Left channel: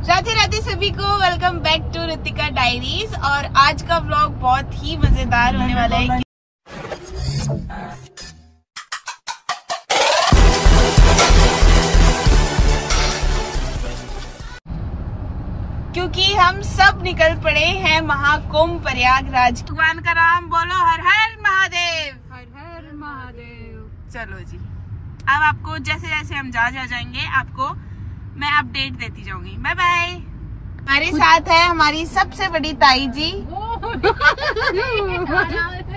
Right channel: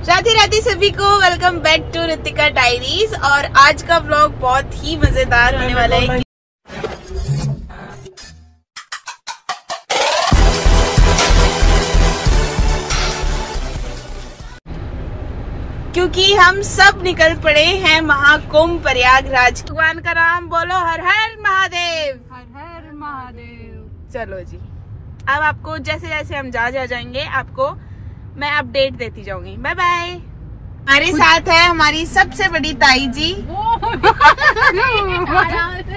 राधे राधे सभी को, welcome back to Ritika diaries. और आज का व्लॉग बहुत ही मजेदार होने वाला है क्योंकि हम सब निकल पड़े हैं महाकुंभ प्रयागराज। भगवान का नाम बोलो, हर हर महादेव, हर हर महादेव। चलो जी, अब आपको जैसे जैसे हम जा जाएंगे आपको मैं अपडेट देती जाऊंगी। Bye bye. हमारे साथ है हमारी सबसे बड़ी ताई जी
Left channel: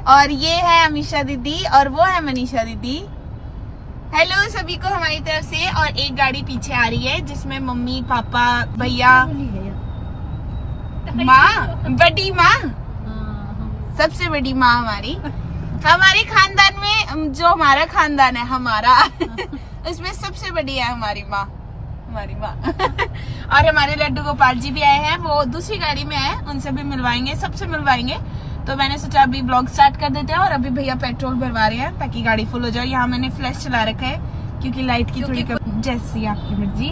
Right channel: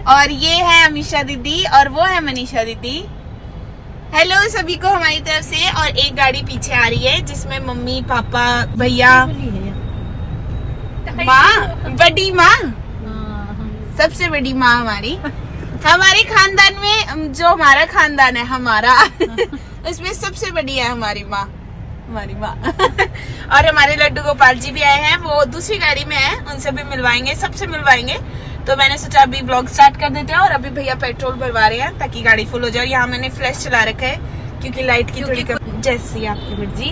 और ये है अमीशा दीदी और वो है मनीषा दीदी। हेलो सभी को हमारी तरफ से। और एक गाड़ी पीछे आ रही है जिसमें मम्मी पापा भैया माँ, बड़ी माँ, सबसे बड़ी माँ हमारे खानदान में, जो हमारा खानदान है हमारा उसमें सबसे बड़ी है हमारी माँ और हमारे लड्डू गोपाल जी भी आए हैं, वो दूसरी गाड़ी में है, उनसे भी मिलवाएंगे, सबसे मिलवाएंगे। तो मैंने सोचा अभी ब्लॉग स्टार्ट कर देते हैं। और अभी भैया पेट्रोल भरवा रहे हैं ताकि गाड़ी फुल हो जाए। यहाँ मैंने फ्लैश चला रखा है क्योंकि लाइट की थोड़ी कम, जैसी आपकी मर्जी।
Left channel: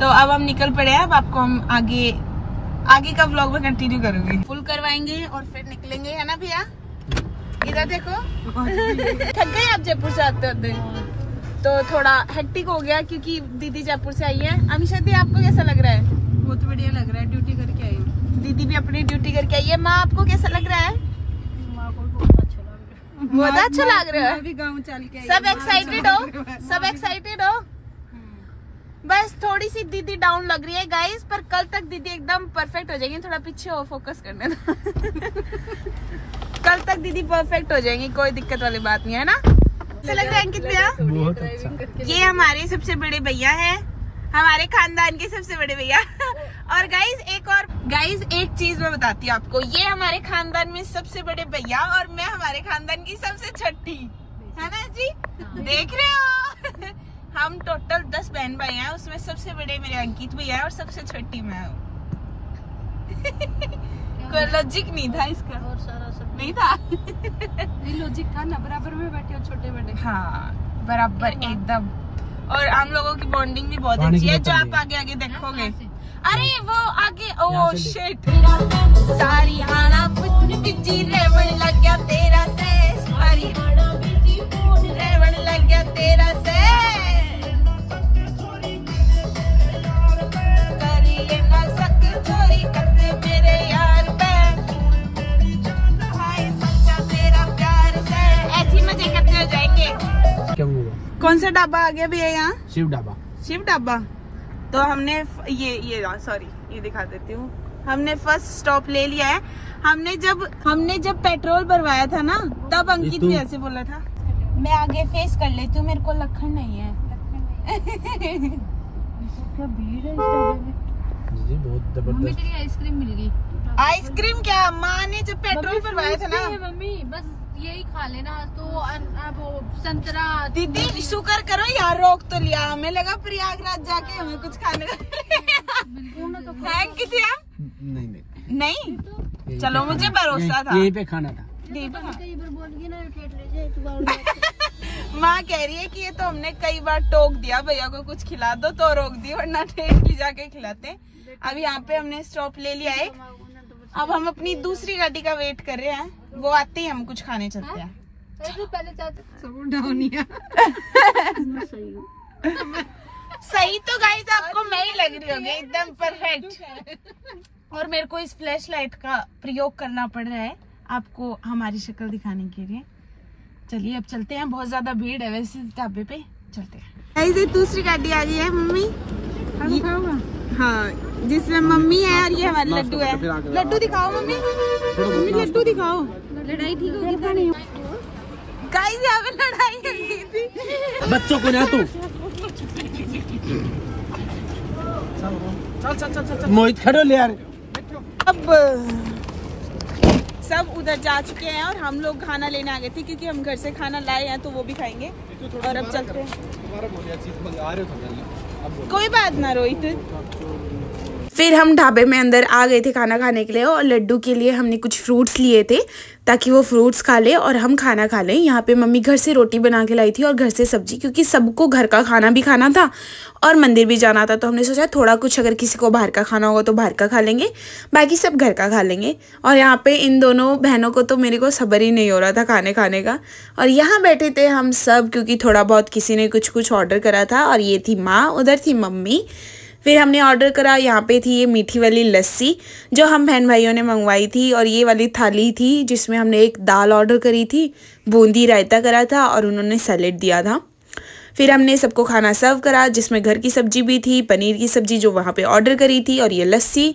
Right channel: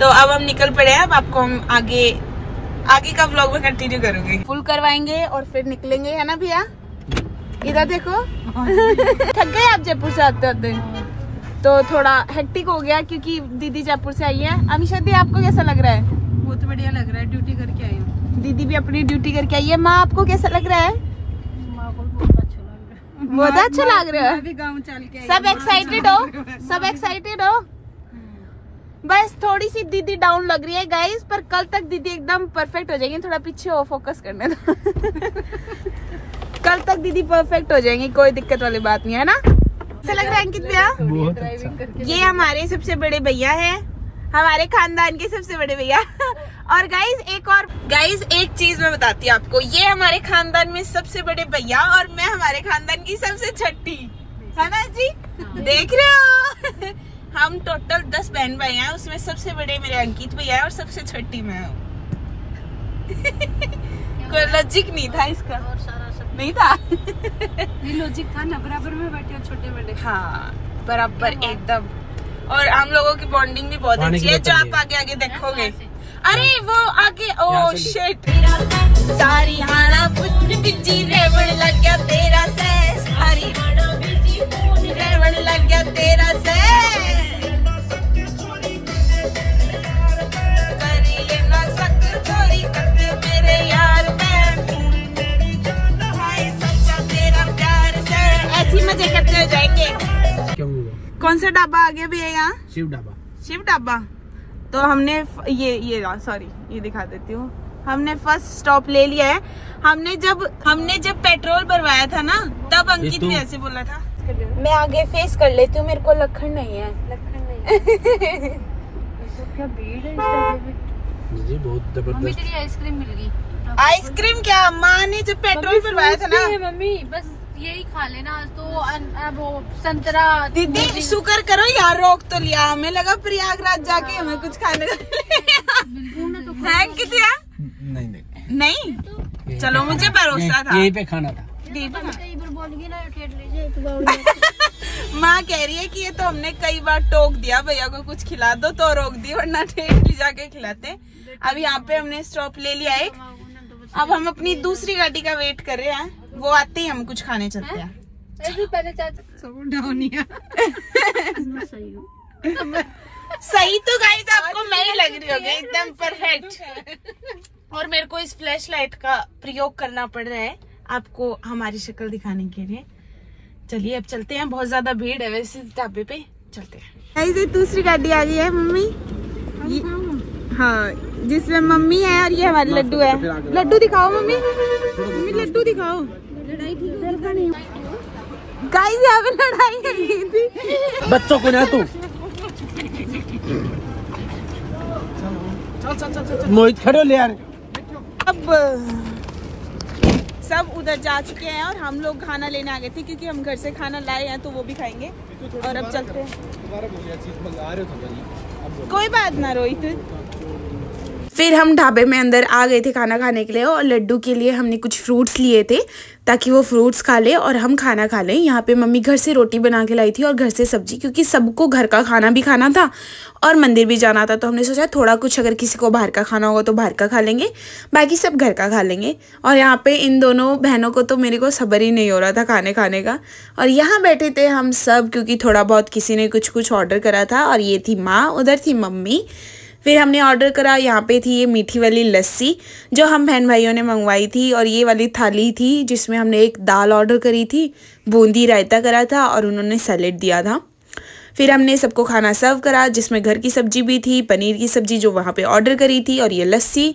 तो अब हम निकल पड़े हैं। अब आपको हम आगे का ब्लॉग में कंटिन्यू करूंगी। फुल करवाएंगे और फिर निकलेंगे, है ना भैया? इधर देखो थक गए आप जयपुर से आते तो थोड़ा हेक्टिक हो गया क्योंकि दीदी जयपुर से आई है। अमीशा दी, आपको कैसा लग रहा है? बहुत बढ़िया लग रहा है, ड्यूटी करके आई हूँ। दीदी भी अपनी ड्यूटी करके आई है। माँ, आपको कैसा लग रहा है? माँ को बहुत अच्छा लग रहा है। बहुत अच्छा लग रहा है। मैं भी गाँव चल के आई। सब एक्साइटेड हो? सब एक्साइटेड हो? बस थोड़ी सी दीदी डाउन लग रही है गाइस, पर कल तक दीदी एकदम परफेक्ट हो जाएंगी। थोड़ा पीछे हो, फोकस करने दो कल तक दीदी परफेक्ट हो जाएंगी, कोई दिक्कत वाली बात नहीं है ना। अच्छा लग रहा है अंकित भैया? बहुत अच्छा। ये हमारे सबसे बड़े भैया हैं, हमारे खानदान के सबसे बड़े भैया। और गाइस एक चीज मैं बताती हूँ आपको, ये हमारे खानदान में सबसे बड़े भैया और मैं हमारे खानदान की सबसे छठी, है ना जी? देख रहे हो हम टोटल 10 बहन भाई हैं, उसमें सबसे बड़े मेरे अंकित भैया है और सबसे छठी मैं हूँ कोई लॉजिक नहीं था इसका, नहीं था ये लॉजिक था ना, बराबर में बैठे हो छोटे बड़े। हाँ बराबर एकदम। और हम लोगों की बॉन्डिंग भी बहुत अच्छी है, जो आप आगे आगे देखोगे। अरे वो आगे, ओ शिट, सारी हाना बिजी रेवण लग गया तेरा से, सारी रेवण लग गया तेरा से, करिए ना सक चोरी करते मेरे यार मजे करते हो जाएंगे। क्या हुआ? कौन सा ढाबा आ गया भैया यहाँ? शिव ढाबा। शिव ढाबा। तो हमने ये दिखा देती हूँ, हमने फर्स्ट स्टॉप ले लिया है। हमने जब पेट्रोल भरवाया था ना, तब अंकित भी ऐसे बोला था। मैं आगे फेस कर लेती हूँ, मेरे को लखन नहीं है। भीड़ है जी, बहुत जबरदस्त। आइसक्रीम मिल गई। आइसक्रीम क्या? माँ ने जब पेट्रोल भरवाया था ना, मम्मी बस यही खा लेना, तो वो संतरा। दीदी शुक्र करो यार, रोक तो लिया। हमें लगा प्रयागराज जाके हमें कुछ खाने का है कितिया? नहीं चलो, मुझे भरोसा था, यहीं पे खाना था। माँ कह रही है कि ये तो हमने कई बार टोक दिया, भैया को कुछ खिला दो तो रोक दी, वरना ठेठ जाके खिलाते। अब यहाँ पे हमने स्टॉप ले लिया एक। अब हम अपनी दूसरी गाड़ी का वेट कर रहे हैं, वो आते ही हम कुछ खाने चलते हैं। सही तो गाइस आपको मैं ही लग रही होगी, एकदम परफेक्ट। और मेरे को इस फ्लैश लाइट का प्रयोग करना पड़ रहा है आपको हमारी शक्ल दिखाने के लिए। चलिए अब चलते हैं, बहुत ज्यादा भीड़ है वैसे ढाबे पे, चलते हैं। गाइस ये दूसरी गाड़ी आ गई है मम्मी, हाँ, जिसमें मम्मी है और ये हमारे लड्डू है। लड्डू दिखाओ मम्मी, लड्डू दिखाओ। लड़ाई ठीक होगी गाइस, यहाँ पे लड़ाई हो गई थी बच्चों को ना तू चल मोहित खड़ो ले यार। अब सब उधर जा चुके हैं और हम लोग खाना लेने आ गए थे क्योंकि हम घर से खाना लाए हैं, तो वो भी खाएंगे। और अब चलते हैं। कोई बात ना रोहित। फिर हम ढाबे में अंदर आ गए थे खाना खाने के लिए, और लड्डू के लिए हमने कुछ फ्रूट्स लिए थे ताकि वो फ्रूट्स खा ले और हम खाना खा लें। यहाँ पे मम्मी घर से रोटी बना के लाई थी और घर से सब्जी, क्योंकि सबको घर का खाना भी खाना था और मंदिर भी जाना था, तो हमने सोचा थोड़ा कुछ अगर किसी को बाहर का खाना होगा तो बाहर का खा लेंगे, बाकी सब घर का खा लेंगे। और यहाँ पे इन दोनों बहनों को तो मेरे को सब्र ही नहीं हो रहा था खाने का। और यहाँ बैठे थे हम सब, क्योंकि थोड़ा बहुत किसी ने कुछ ऑर्डर करा था, और ये थी माँ, उधर थी मम्मी। फिर हमने ऑर्डर करा, यहाँ पे थी ये मीठी वाली लस्सी जो हम बहन भाइयों ने मंगवाई थी, और ये वाली थाली थी जिसमें हमने एक दाल ऑर्डर करी थी, बूंदी रायता करा था और उन्होंने सैलेड दिया था। फिर हमने सबको खाना सर्व करा जिसमें घर की सब्जी भी थी, पनीर की सब्जी जो वहाँ पे ऑर्डर करी थी, और ये लस्सी।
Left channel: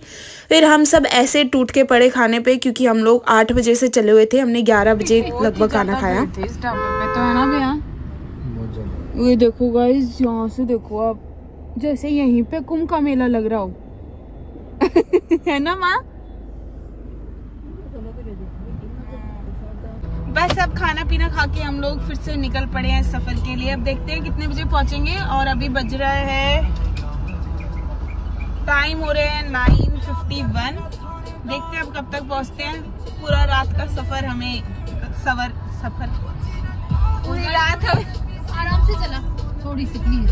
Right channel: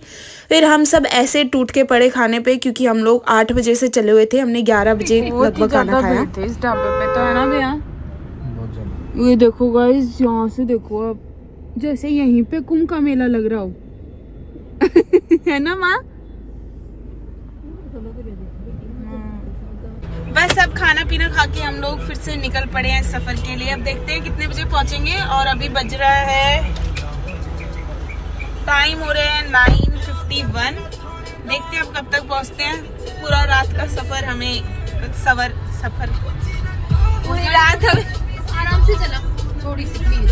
फिर हम सब ऐसे टूट के पड़े खाने पे, क्योंकि हम लोग 8 बजे से चले हुए थे, हमने 11 बजे लगभग खाना खाया। इस ढाबे पे तो है ना भैया, ये देखो गाइस, यहाँ से देखो आप, जैसे यहीं पे कुंभ का मेला लग रहा हो है ना माँ। बस अब खाना पीना खा के हम लोग फिर से निकल पड़े हैं सफर के लिए। अब देखते हैं कितने बजे पहुंचेंगे, और अभी बज रहा है, टाइम हो रहे हैं 9:51। देखते हैं अब कब तक पहुंचते हैं। पूरा रात का सफर हमें सफर पूरी रात आराम से चला, थोड़ी सी प्लीज।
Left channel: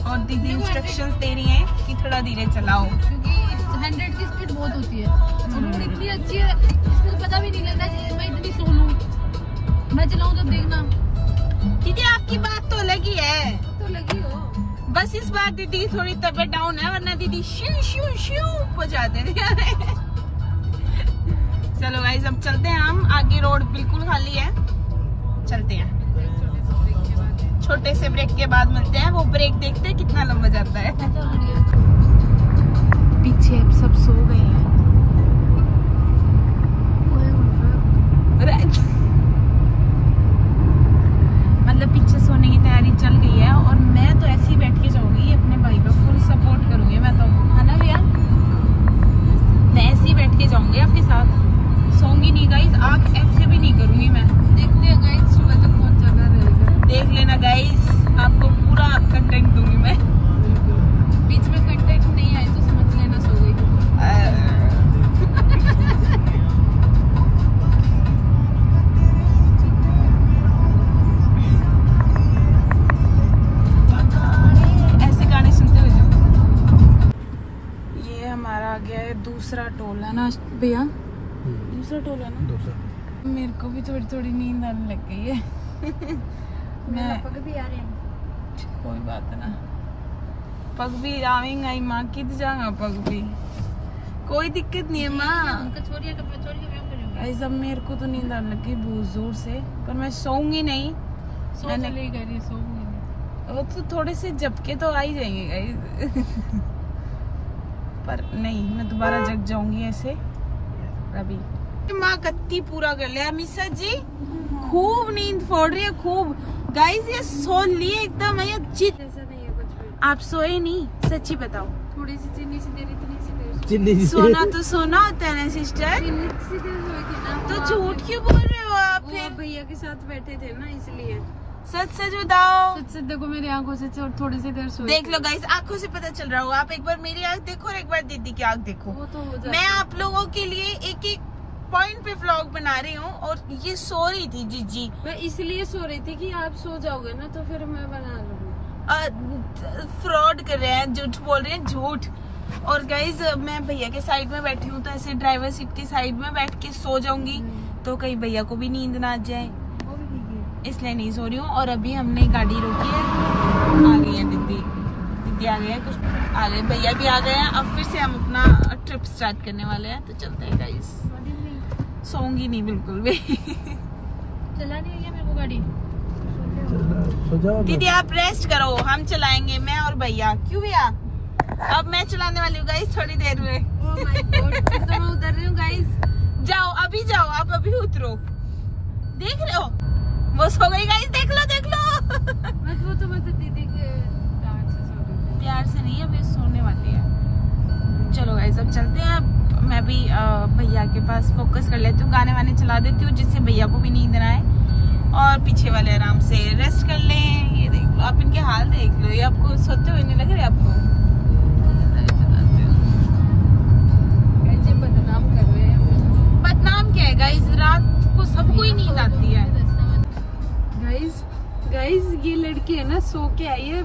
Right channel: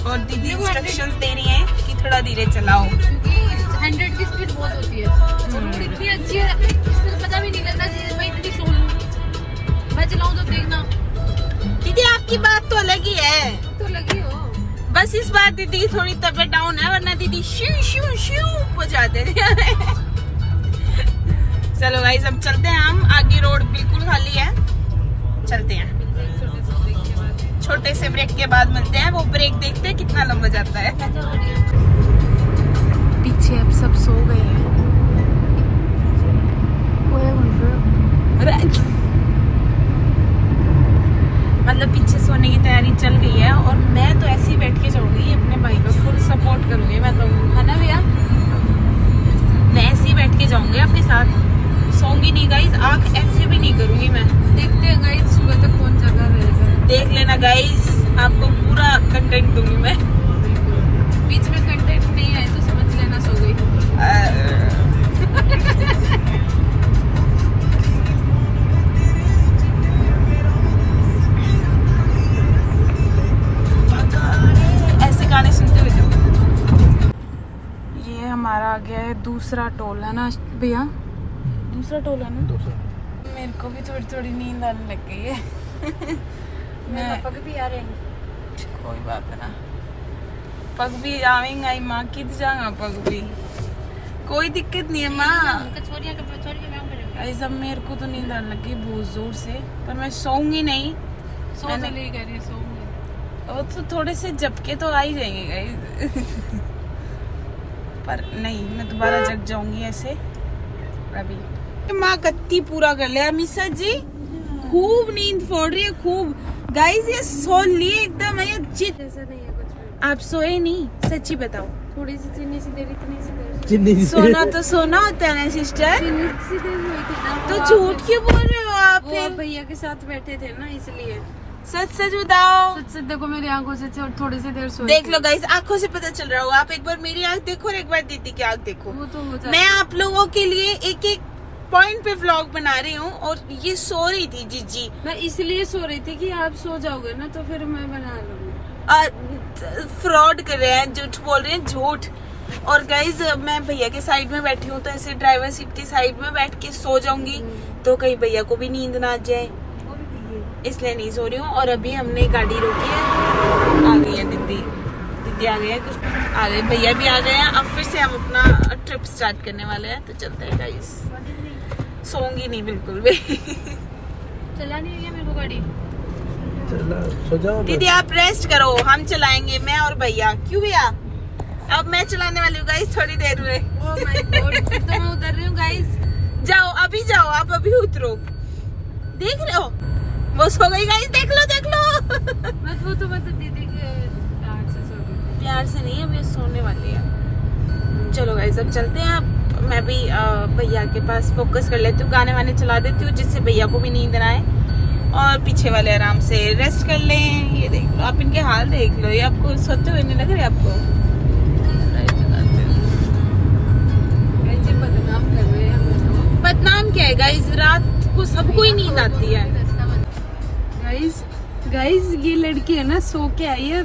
और दीदी इंस्ट्रक्शंस दे रही है कि थोड़ा धीरे चलाओ, क्योंकि 100 की स्पीड बहुत होती है और इतनी अच्छी है, पता भी नहीं लगता मैं इतनी स्लो हूँ। मैं चलाऊँ तो देखना दीदी आपकी बात तो अलग ही है, तो लगी हो। बस इस बार दीदी की थोड़ी तबीयत डाउन है, वरना दीदी शू शू शू हो जाते थे चलो गाइस अब चलते हैं हम, आगे रोड बिल्कुल खाली है, चलते हैं। छोटे से ब्रेक के बाद मिलते हैं, वो ब्रेक देखते हैं कितना लंबा जाता है। पीछे अब सब सो गए हैं, मतलब पीछे सोने की तैयारी चल गई है, और मैं तो ऐसे ही बैठ के जाऊंगी, अपने भाई को फुल सपोर्ट करूंगी मैं तो, है ना भैया। मैं ऐसे ही बैठ के जाऊंगी आपके साथ, सोऊंगी नहीं गाइस, आंख ऐसे भी नहीं करूंगी मैं। देखते हैं गाइस सुबह तक कौन जगह रहेगा, देख लेना गाइस, आपको पूरा कंटेंट दूंगी मैं। बीच में कंटेंट नहीं आए तो समझ लेना सो गई। ऐसे गाने सुनते हुए जाओ। ये हमारा आ गया है दूसरा टोल, है ना भैया, दूसरा टोल है ना। मेरे को भी थोड़ी थोड़ी नींद आने लग गई है मैं पग भी आ रहे हैं, कोई बात ना, पग भी आवेंगे माँ, कित जाएगा पग भी, कोई दिक्कत नहीं है माँ। ऐसा मेरे को तो नींद आने लग गई बहुत जोर से, पर मैं सोऊंगी नहीं, मैंने वो तो थोड़े से झपके तो आ ही जाएंगे गाइस पर नहीं, मैं दोबारा जग जाऊंगी ऐसे। अभी माँ गत्ती पूरा कर लिया मिसा जी, खूब नींद फोड़ रही है खूब गाइस, ये सो लिए एकदम है जित। ऐसा नहीं है कुछ, आप सोए नहीं, सच्ची बताओ। थोड़ी सी चीनी सी देर, इतनी सी देर सोना तो सोना होता है ना सिस्टर, चीनी सी देर हुई थी ना, तो झूठ क्यों बोल रहे हो आप? फिर भैया के साथ बैठे थे ना इसलिए। सच सच बताओ। सच सच देखो मेरी आंखों से, थोड़ी सी देर सोई देख लो गाइस, आंखों से पता चल रहा होगा, आप एक बार मेरी आंख देखो और एक बार दीदी की आंख देखो। वो तो हो जाता। मैं आप लोगों के लिए एक एक पॉइंट पे व्लॉग बना रही हूँ, और ये सो रही थी जीजी, मैं इसलिए सो रही थी कि आप सो जाओगे ना तो फिर मैं बना लूंगी। फ्रॉड कर रहे हैं, झूठ बोल रहे हैं, झूठ। और गाइज मैं भैया के साइड में बैठी हूँ, तो ऐसे ड्राइवर सीट के साइड में बैठ के सो जाऊंगी, तो कहीं भैया को भी नींद ना आ जाए, इसलिए नहीं सो रही हूँ। और अभी हमने गाड़ी रोकी है, आ गई है दीदी आ गए हैं, कुछ आ गए, भैया भी आ गए हैं। अब फिर से हम अपना ट्रिप स्टार्ट करने वाले हैं, तो चलते हैं गाइस। सोऊंगी नहीं बिल्कुल भी चला नहीं है मेरे को गाड़ी, दीदी आप रेस्ट करो, हम चलाएंगे, मैं और भैया। क्यों भैया? अब मैं चलाने वाली हूँ गाइस थोड़ी देर में। ओह माय गॉड, तो मैं उतर रही हूँ गाइस। जाओ अभी जाओ, आप अभी उतरो, देख रहे हो वो सो गई गाइस, देख लो देख लो वो तो मतलब दीदी के प्यार से सो गई, प्यार से नहीं, अभी सोने वाली है। चलो गाइस अब चलते हैं। अब मैं भी भैया के पास फोकस कर लेती हूँ, गाने वाने चला देती हूँ जिससे भैया को भी नींद ना आए और पीछे वाले आराम से रेस्ट कर लें। ये देख लो आप, इनके हाल देख लो, ये आपको सोते हुए नहीं लग रहे आपको? नींद आती है। गाइस ये लड़की है ना सो के आई है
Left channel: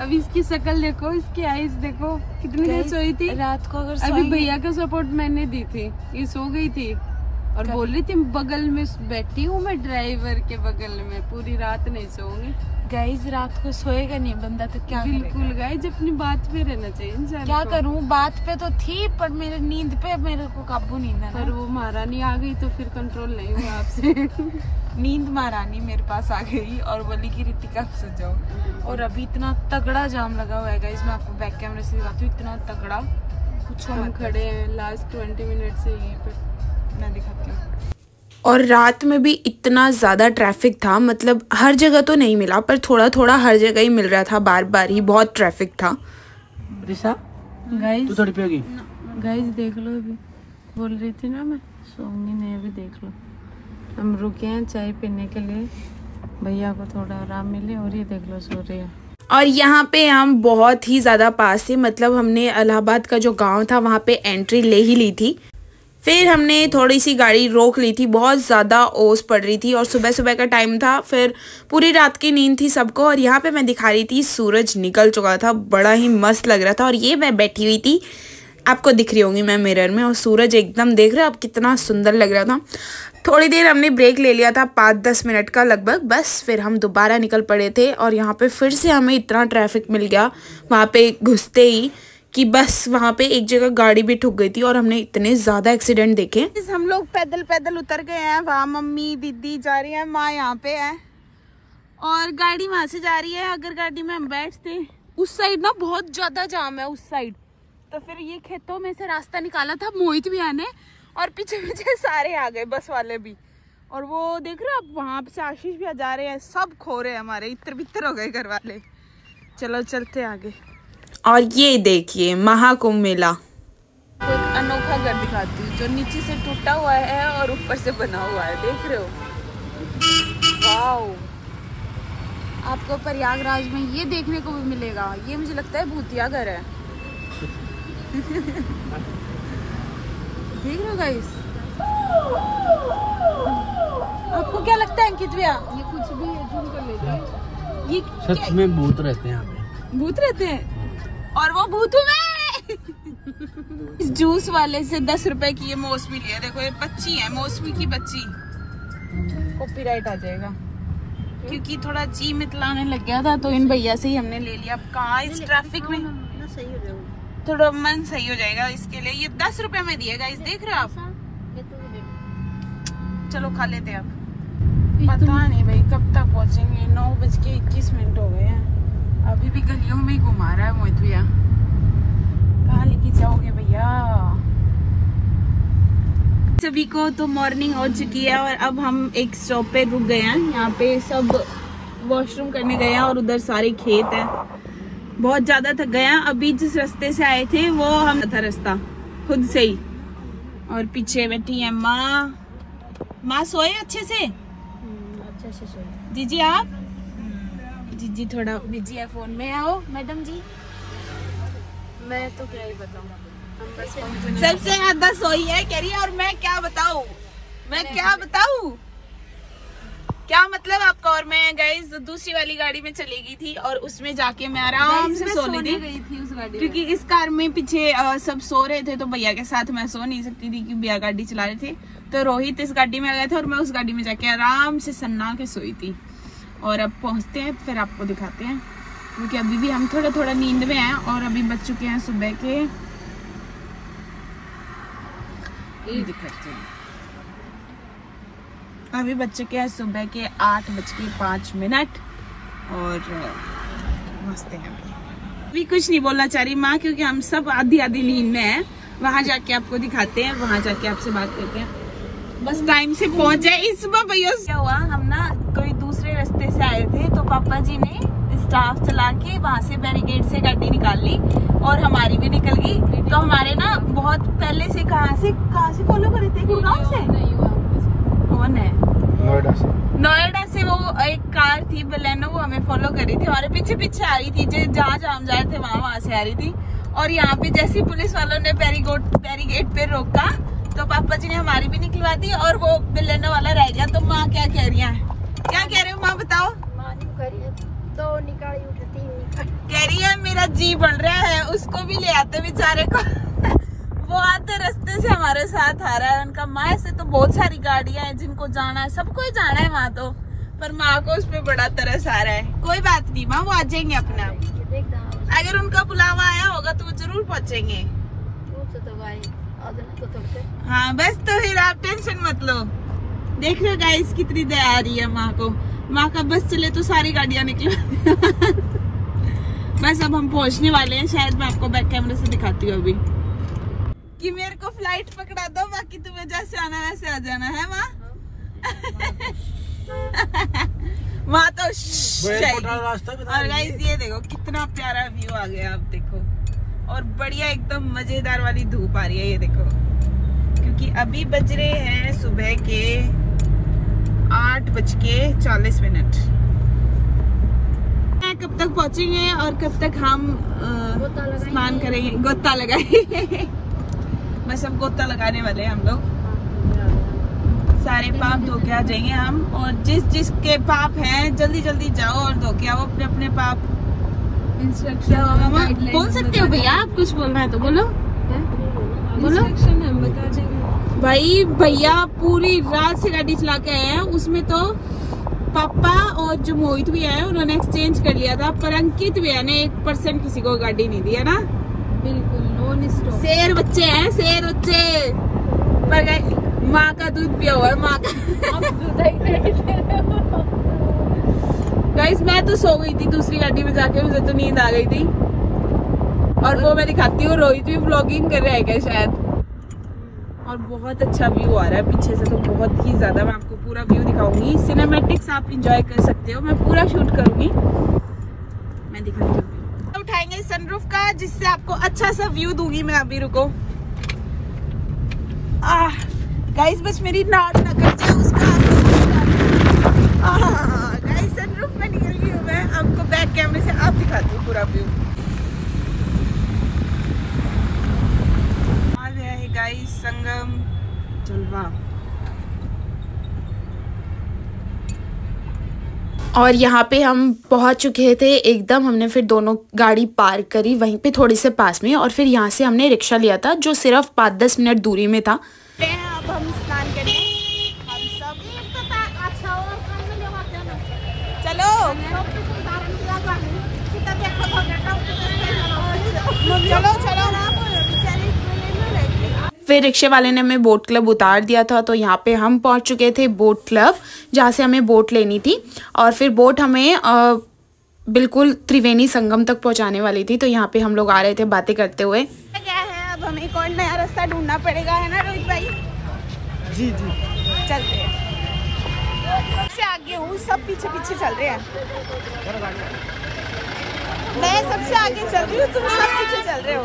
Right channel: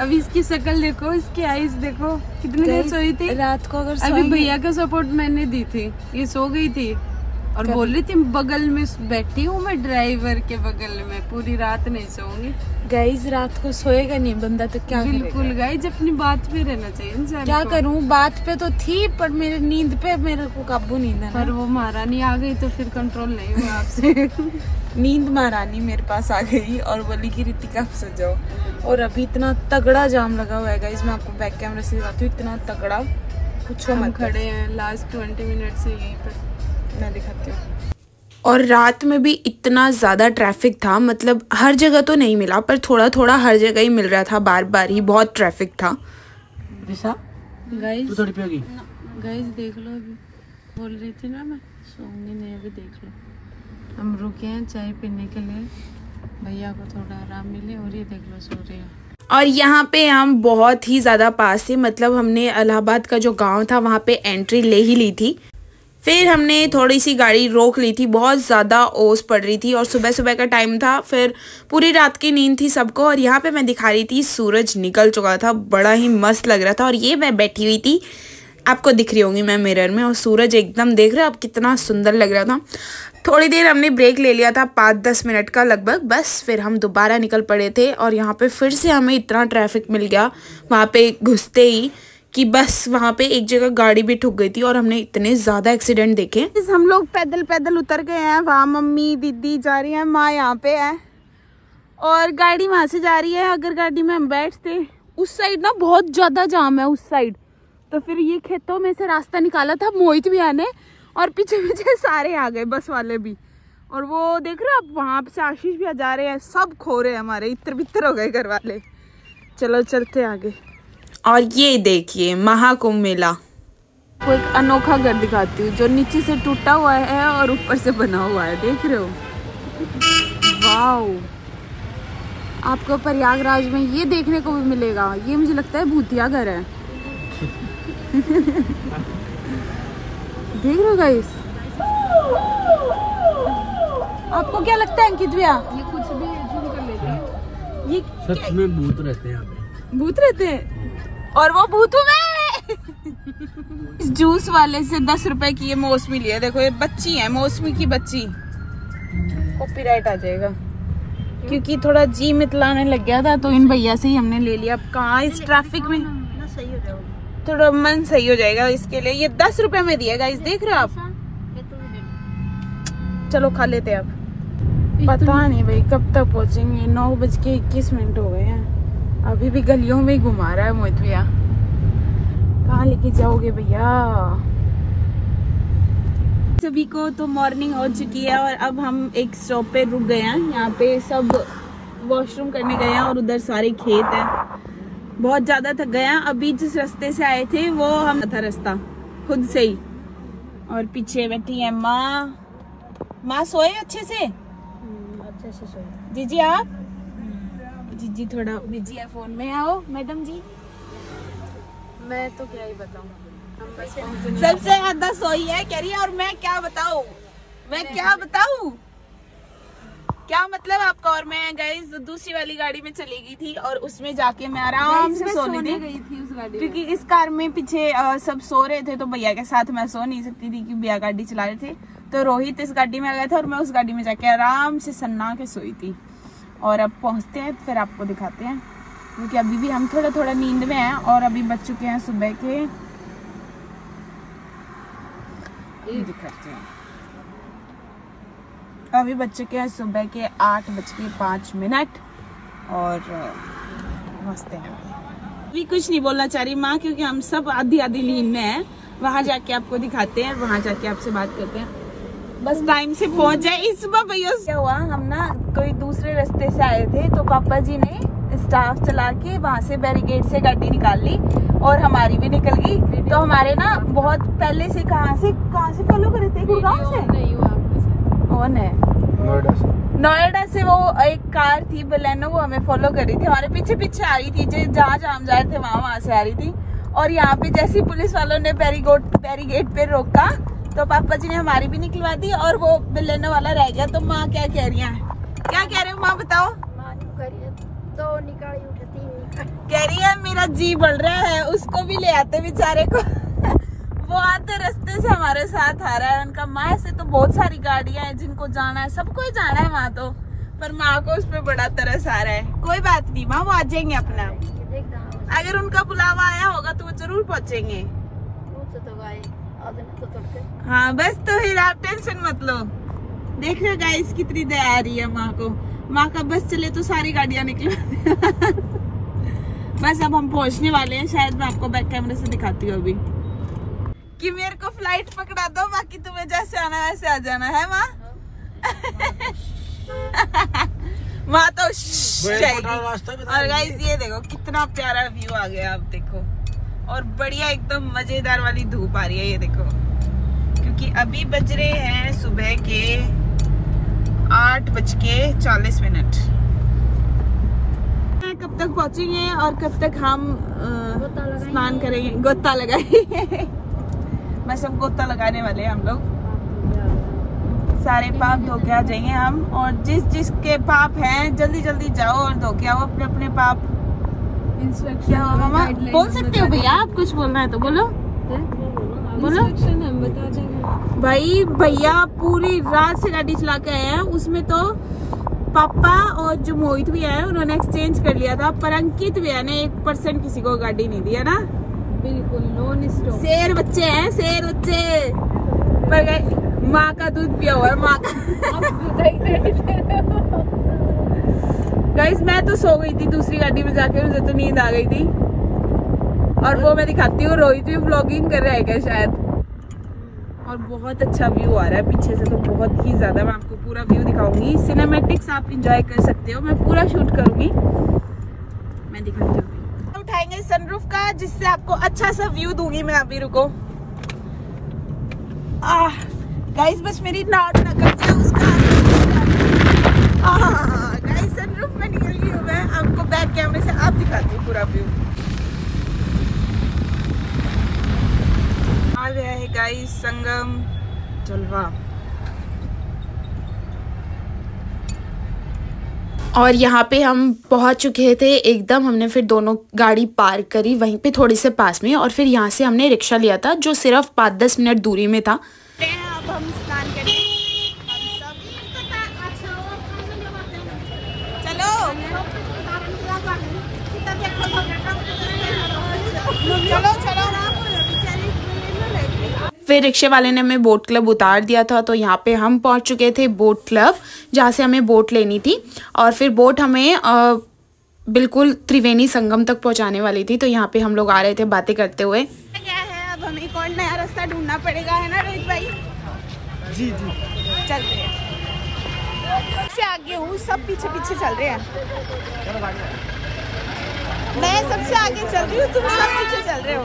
अभी इसकी शक्ल देखो, इसकी आईज देखो कितनी देर सोई थी रात को। अगर अभी भैया का सपोर्ट मैंने दी थी, ये सो गई थी और बोल रही थी बगल में बैठी हूँ मैं, ड्राइवर के बगल में, पूरी रात नहीं सोऊंगी। गाइस रात को सोएगा नहीं बंदा तो क्या करेगा? बिल्कुल गाइस, अपनी बात पे रहना चाहिए इंसान। क्या करूँ, बात पे तो थी पर मेरे नींद पे मेरे को काबू नहीं था। पर वो महारानी आ गई तो फिर कंट्रोल नहीं हुआ आपसे। नींद महारानी मेरे पास आ गई और बोली कि रितिका सो जाओ। और अभी इतना तगड़ा जाम लगा हुआ है गाइस, मैं आपको बैक कैमरे से दिखाती हूँ, इतना तगड़ा कुछ मत। खड़े हैं लास्ट 20 मिनट से यहीं पर, मैं दिखाती हूँ। और रात में भी इतना ज़्यादा ट्रैफिक था, मतलब हर जगह तो नहीं मिला पर थोड़ा थोड़ा हर जगह ही मिल रहा था, बार बार ही बहुत ट्रैफिक था। गाइस तू थोड़ी पियोगी? गाइस देख लो, अभी बोल रही थी ना मैं सोऊंगी नहीं, अभी देख लो हम रुके हैं चाय पीने के लिए, भैया को थोड़ा आराम मिले और ये देख लो सो रही है। और यहाँ पे हम बहुत ही ज़्यादा पास थे, मतलब हमने इलाहाबाद का जो गांव था वहाँ पे एंट्री ले ही ली थी। फिर हमने थोड़ी सी गाड़ी रोक ली थी, बहुत ज़्यादा ओस पड़ रही थी और सुबह सुबह का टाइम था, फिर पूरी रात की नींद थी सबको। और यहाँ पे मैं दिखा रही थी सूरज निकल चुका था, बड़ा ही मस्त लग रहा था। और ये मैं बैठी हुई थी, आपको दिख रही होंगी मैं मिरर में, और सूरज एकदम देख रहे हो आप कितना सुंदर लग रहा था। थोड़ी देर हमने ब्रेक ले लिया था, 5-10 मिनट का लगभग, बस फिर हम दोबारा निकल पड़े थे। और यहाँ पे फिर से हमें इतना ट्रैफिक मिल गया वहाँ पे घुसते ही कि बस वहाँ पे एक जगह गाड़ी भी ठुक गई थी और हमने इतने ज़्यादा एक्सीडेंट देखे। हम लोग पैदल पैदल उतर गए हैं, वहाँ मम्मी दीदी जा रही है, माँ यहाँ पे है और गाड़ी वहाँ से जा रही है। अगर गाड़ी में हम बैठते, उस साइड ना बहुत ज्यादा जाम है उस साइड, तो फिर ये खेतों में से रास्ता निकाला था मोहित भी आने, और पीछे पीछे सारे आ गए बस वाले भी। और वो देख रहे हो आप, वहाँ से आशीष भी जा रहे हैं, सब खो रहे हैं हमारे, इतर बितर हो गए घर वाले। चलो चलते आगे। और ये देखिए महाकुंभ मेला, कोई एक अनोखा घर दिखाती हूँ जो नीचे से टूटा हुआ है और ऊपर से बना हुआ है, देख रहे हो? वाओ, आपको प्रयागराज में ये देखने को भी मिलेगा। ये मुझे लगता है भूतिया घर है। देख रहे हो गाइस? आपको क्या लगता है अंकित भैया? ये कुछ भी ये सच में भूत रहते हैं यहाँ पे? भूत रहते हैं और वो भूत हुए। इस जूस वाले से 10 रुपए की ये मौसमी लिया, देखो ये बच्ची है, मौसमी की बच्ची, कॉपीराइट आ जाएगा क्योंकि थोड़ा जी मितलाने लग गया था तो इन भैया से ही हमने ले लिया। अब कहाँ इस ट्रैफिक में थोड़ा मन सही हो जाएगा, इसके लिए ये 10 रुपए में दिया गाइस, देख रहे हो आप? चलो खा लेते हैं अब। पता नहीं भाई कब तक पहुंचेंगे, 9:21 हो गए हैं, अभी भी गलियों में ही घुमा रहा है मोहित भैया। कहाँ लेके जाओगे भैया? सभी को तो मॉर्निंग हो चुकी है और अब हम एक स्टॉप पे रुक गए हैं। यहाँ पे सब वॉशरूम करने गए हैं और उधर सारे खेत हैं। बहुत ज्यादा थक गए हैं। अभी जिस रास्ते से आए थे वो हम था रास्ता खुद से ही, और पीछे बैठी है माँ। माँ सोए अच्छे से? अच्छे से सोए। जीजी आप? जीजी थोड़ा बिजी है फोन में। आओ मैडम जी। मैं तो क्या ही बताऊँ, सबसे ज्यादा सोई है कह रही है, और मैं क्या बताऊँ, मैं क्या बताऊँ, क्या मतलब आपका? और मैं गाइस दूसरी वाली गाड़ी में चली गई थी और उसमें जाके मैं आराम से सोने गई थी उस गाड़ी, क्योंकि इस कार में पीछे सब सो रहे थे तो भैया के साथ मैं सो नहीं सकती थी क्योंकि भैया गाड़ी चला रहे थे। तो रोहित इस गाड़ी में आ गया था और मैं उस गाड़ी में जाके आराम से सन्ना के सोई थी। और अब पहुंचते हैं फिर आपको दिखाते हैं, क्योंकि अभी भी हम थोड़ा थोड़ा नींद में हैं और अभी बज चुके हैं सुबह के, ये दिखाती हूँ, अभी बज चुके हैं सुबह के 8:05 और मस्त है। अभी कुछ नहीं बोलना चाह रही माँ क्योंकि हम सब आधी आधी नींद में हैं। वहां जाके आपको दिखाते हैं, वहां जाके आपसे बात करते हैं, बस टाइम से पहुंच जाए। इस सुबह भैया क्या हुआ, हम ना कोई दूसरे रास्ते से आए थे तो पापा जी ने स्टाफ चला के वहां से बैरिकेड से गाड़ी निकाल ली और हमारी भी निकल गई। तो हमारे ना बहुत पहले से कहाँ से फॉलो करे थे? गुड़गांव से? कौन है? नोएडा से वो एक कार थी बलेनो, वो हमें फॉलो कर रही थी, हमारे पीछे पीछे आ रही थी, जहाँ हम जा रहे थे वहां से आ रही थी। और यहाँ पे जैसे पुलिस वालों ने बैरिकेड पे रोका तो पापा जी ने हमारी भी निकलवा दी और वो बिलेनो वाला रह गया। तो माँ क्या कह रही है, क्या कह रही हो माँ बताओ? तो निकाली उठती कह रही है मेरा जी बढ़ रहा है, उसको भी ले आते बेचारे को। वो आते रास्ते से हमारे साथ आ रहा है। उनका माँ ऐसे तो बहुत सारी गाड़ियां हैं जिनको जाना है, सबको ही जाना है वहाँ तो, पर माँ को उस पर बड़ा तरस आ रहा है। कोई बात नहीं माँ, वो आ जाएंगे अपने आप। अगर उनका बुलावा आया होगा तो वो जरूर पहुँचेंगे। हाँ बस, तो फिर आप टेंशन मत लो। देख रहे गाइस कितनी दया आ रही है माँ को। माँ का बस चले तो सारी गाड़ियां निकल। बस अब हम पहुंचने वाले हैं, शायद मैं आपको बैक कैमरे से दिखाती हूँ अभी कि मेरे को फ्लाइट पकड़ा दो, बाकी तुम्हें जैसे आना है वैसे आ जाना है माँ। वहाँ तो और गाइस ये देखो कितना प्यारा व्यू आ गया, आप देखो। और बढ़िया एकदम मजेदार वाली धूप आ रही है, ये देखो, क्योंकि अभी बज रहे हैं सुबह के 8:40। कब तक पहुंचेंगे और कब तक हम स्नान करेंगे, गोता लगाएंगे। बस अब गोता लगाने वाले हैं हम लोग। सारे पाप धो के आ जाएंगे हम, और जिस जिसके पाप हैं जल्दी जल्दी जाओ और धो के आओ अपने अपने पाप। इंस्ट्रक्शन बोल सकते हो भैया, आप कुछ बोलना है तो बोलो। बोलो भाई। भैया पूरी रात से गाड़ी चला के आए हैं, उसमें तो पापा और जो मोहित भी आए उन्होंने एक्सचेंज कर लिया था, पर अंकित भी है ने 1% किसी को गाड़ी नहीं दी है ना। बिल्कुल नॉन स्टॉप। शेर बच्चे हैं, शेर बच्चे। पर माँ का दूध पिया हुआ है, माँ का। गाइस मैं तो सो गई थी दूसरी गाड़ी में जाके, मुझे तो नींद आ गई थी। और वो मैं दिखाती हूँ, रोहित भी व्लॉगिंग कर रहा है क्या शायद। और बहुत अच्छा व्यू आ रहा है पीछे से, तो बहुत ही ज्यादा। मैं आपको पूरा व्यू दिखाऊंगी, सिनेमैटिक्स आप एंजॉय कर सकते हो, मैं पूरा शूट करूंगी, मैं दिखाऊंगी। उठाएंगे सनरूफ का, जिससे आपको अच्छा सा व्यू दूंगी मैं। अभी रुको गाइस, बस मेरी नाक ना कट जाए उसका। गाइस सनरूफ में निकल गई हूँ मैं, आपको बैक कैमरे से आप दिखाती हूँ पूरा व्यू। आ गया है गाइस संगम जलवा। और यहाँ पे हम पहुँच चुके थे एकदम। हमने फिर दोनों गाड़ी पार्क करी वहीं पे थोड़ी से पास में, और फिर यहाँ से हमने रिक्शा लिया था जो सिर्फ 5-10 मिनट दूरी में था। अब हम स्नान करें। चलो फिर रिक्शे वाले ने हमें बोट क्लब उतार दिया था, तो यहाँ पे हम पहुँच चुके थे बोट क्लब, जहाँ से हमें बोट लेनी थी। और फिर बोट हमें बिल्कुल त्रिवेणी संगम तक पहुँचाने वाली थी। तो यहाँ पे हम लोग आ रहे थे बातें करते हुए। क्या है, अब हमें एक और नया रास्ता ढूंढना पड़ेगा, है ना रोहित भाई? जी जी चलते हैं। सबसे आगे हूँ, सब पीछे पीछे चल रहे हैं। मैं सबसे आगे चल रही हूँ, तुम सब पीछे चल रहे हो।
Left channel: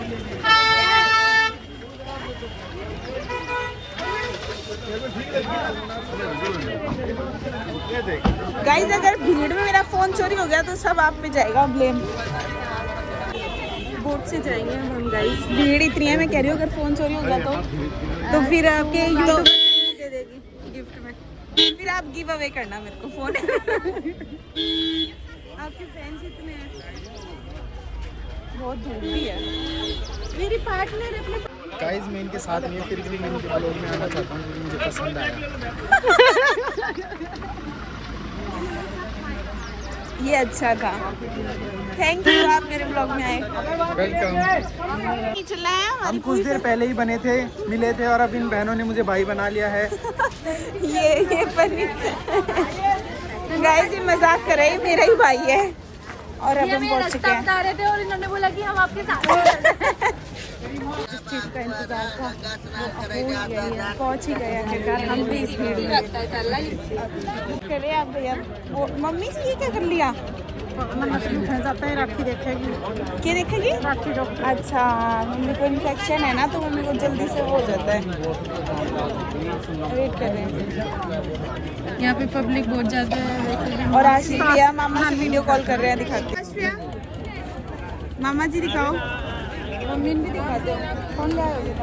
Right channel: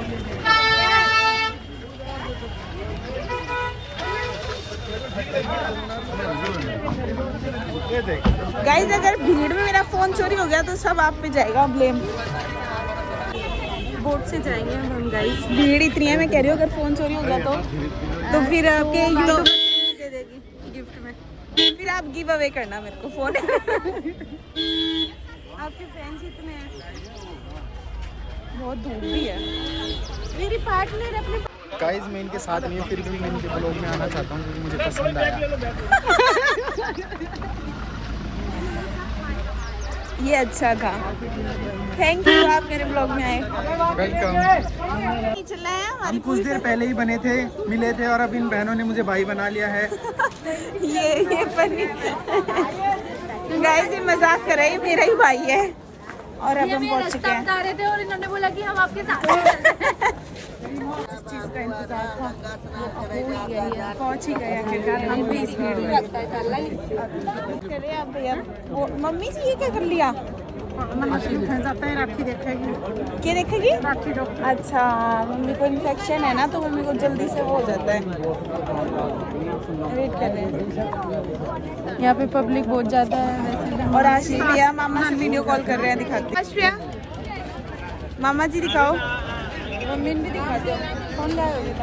गाइस अगर भीड़ में मेरा फोन चोरी हो गया तो सब आप पे जाएगा ब्लेम। बोट से जाएंगे गाइस, भीड़ इतनी है, मैं कह रही हूँ अगर फोन चोरी हो गया तो फिर आपके यूट्यूब दे देगी गिफ्ट में, फिर आप गिव अवे करना मेरे को फोन। आपकी फ्रेंडशिप में बहुत दूर भी है। मेरी पार्टनर अपनी गाइस मैं इनके साथ नहीं हूँ, फिर भी मैं इनके ब्लॉग में आना चाहता हूँ, मुझे पसंद आया। ये अच्छा था, थैंक यू आप मेरे ब्लॉग में आए। चला है हम कुछ देर पहले ही बने थे, मिले थे, और अब इन बहनों ने मुझे भाई बना लिया है। ये फनी गाइस, ये मजाक कर रहे हैं, मेरा ही भाई है। और अब हम पहुंच चुके हैं और इन्होंने बोला कि हम आपके साथ। जिस चीज का इंतजार था वो हो ही गई है, पहुंच ही गए आखिरकार। हम भी इस भीड़ में करे आप भैया। वो मम्मी से ये क्या कर लिया? जाता है, राखी देखेगी। क्या देखेगी? राखी डॉक्टर। अच्छा, मम्मी को इन्फेक्शन है ना, तो मम्मी को जल्दी से हो जाता है। वेट कर रहे हैं, यहाँ पे पब्लिक बहुत ज्यादा है वैसे भी। और आशी भैया मामा से वीडियो कॉल कर रहे हैं, दिखाते हैं। मामा जी दिखाओ, मम्मी भी दिखा दो। कौन लाए होगे?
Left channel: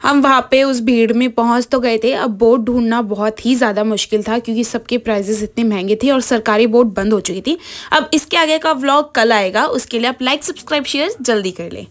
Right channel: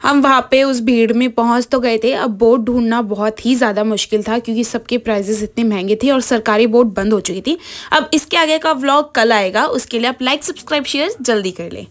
हम वहाँ पे उस भीड़ में पहुँच तो गए थे। अब बोट ढूंढना बहुत ही ज़्यादा मुश्किल था क्योंकि सबके प्राइजेस इतने महंगे थे और सरकारी बोट बंद हो चुकी थी। अब इसके आगे का व्लॉग कल आएगा, उसके लिए आप लाइक सब्सक्राइब शेयर जल्दी कर लें।